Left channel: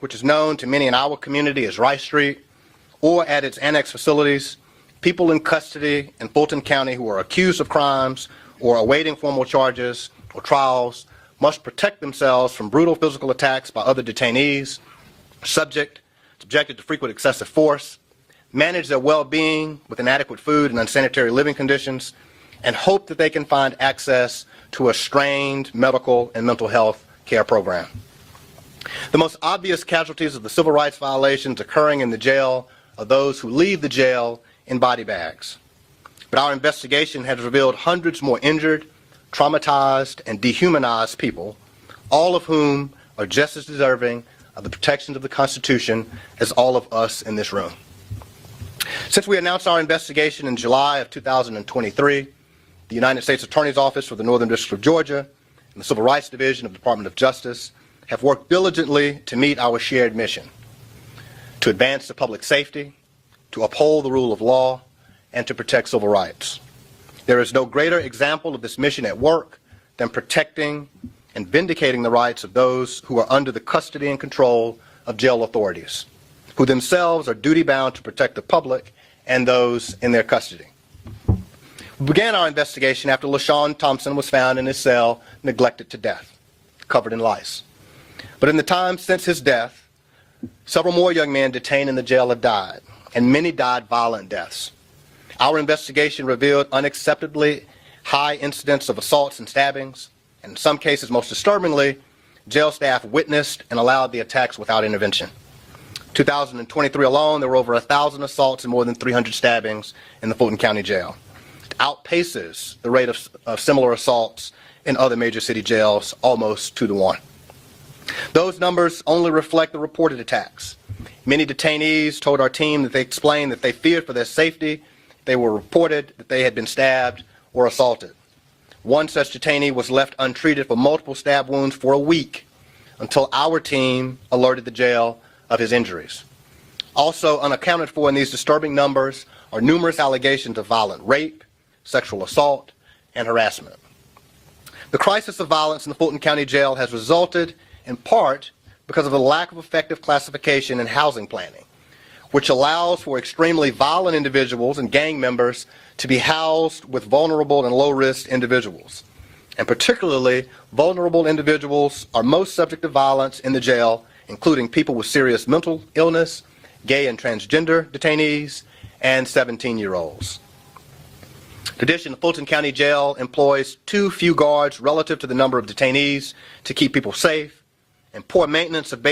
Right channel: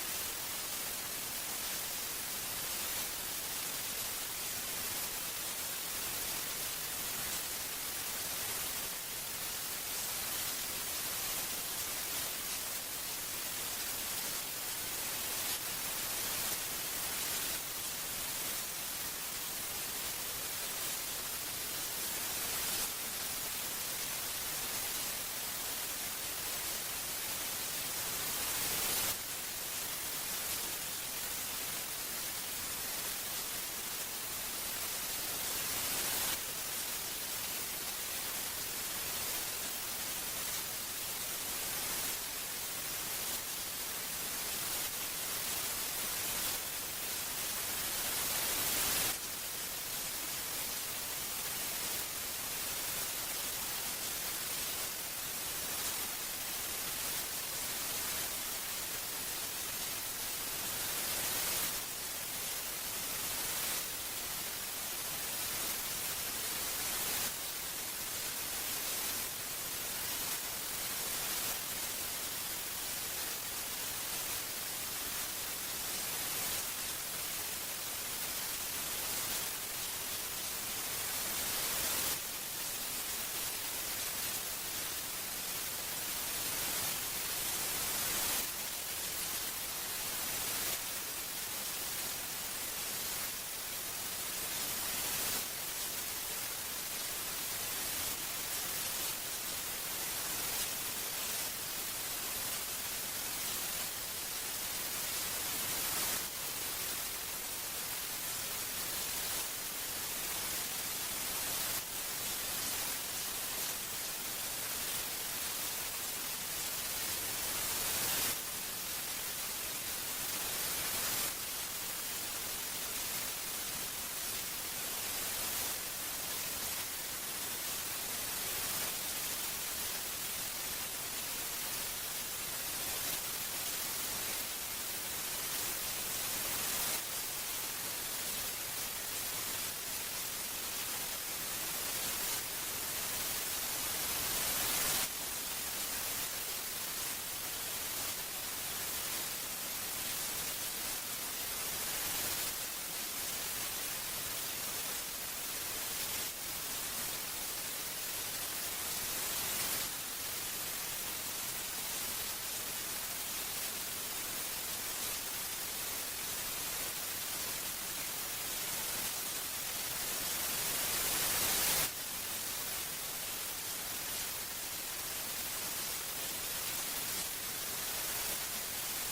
which is known to many in our community as Rice Street, or at its annex facilities, people in custody in Fulton County who are accused of crimes or awaiting formal charges or trials must protect themselves from brutal physical attacks by other detainees, subjected to frequent excessive force, manage their well-being with inadequate food and unsanitary living conditions, and hope that they can find access to a strained medical and mental health care program. The most obvious casualties of the civil rights violations occurring in the jail are those who leave the jail in body bags. But our investigation has revealed hundreds more injured, traumatized, and dehumanized people, all of whom are just as deserving of the protections of the Constitution as all of us in this room. Since we announced our investigation in July of 2023, the United States Attorney's Office for the Northern District of Georgia and the Civil Rights Division of the Department of Justice have worked diligently to meet our shared mission: to advance the public safety, to uphold the rule of law, and to protect civil rights. There is no greater example of this mission at work than protecting and vindicating the rights of those who are under the custody and control of jail authorities, who themselves are duty-bound to protect the public and those in their custody. We began our investigation after LaShawn Thompson was found in his cell, neglected to death, covered in lice. But in the time since his death, several more young men detained in the jail have died, and many died violent deaths. Our investigation revealed unacceptably high incidents of assaults and stabbings, and in some cases, most disturbingly, jail staff witnessed and allowed the attacks without intervention. 2023 alone, there were over 1,000 assaults and more than 300 stabbings in the Fulton County Jail. It outpaces the rate of similar assaults in other major city jails almost 2-to-1. Those numbers only reflect the reported attacks. Many detainees told our team that they explained that they feared for their safety. They were reported that they had been stabbed or assaulted. One such detainee was left untreated for multiple stab wounds for a week until our team alerted the jail of his injuries. Also unaccounted for in these disturbing numbers are numerous allegations of violent rape, sexual assault, and harassment. The crisis of violence in the Fulton County Jail has resulted in part because of the lack of effective classification and housing planning, which allows for extremely violent individuals and gang members to be housed with vulnerable and low-risk individuals. And particularly, vulnerable individuals are most subject to violence in the jail, including people with serious mental illness, gay and transgender detainees, and 17-year-olds. In addition, the Fulton County Jail employs too few guards relative to the number of detainees to keep people safe, and poor maintenance of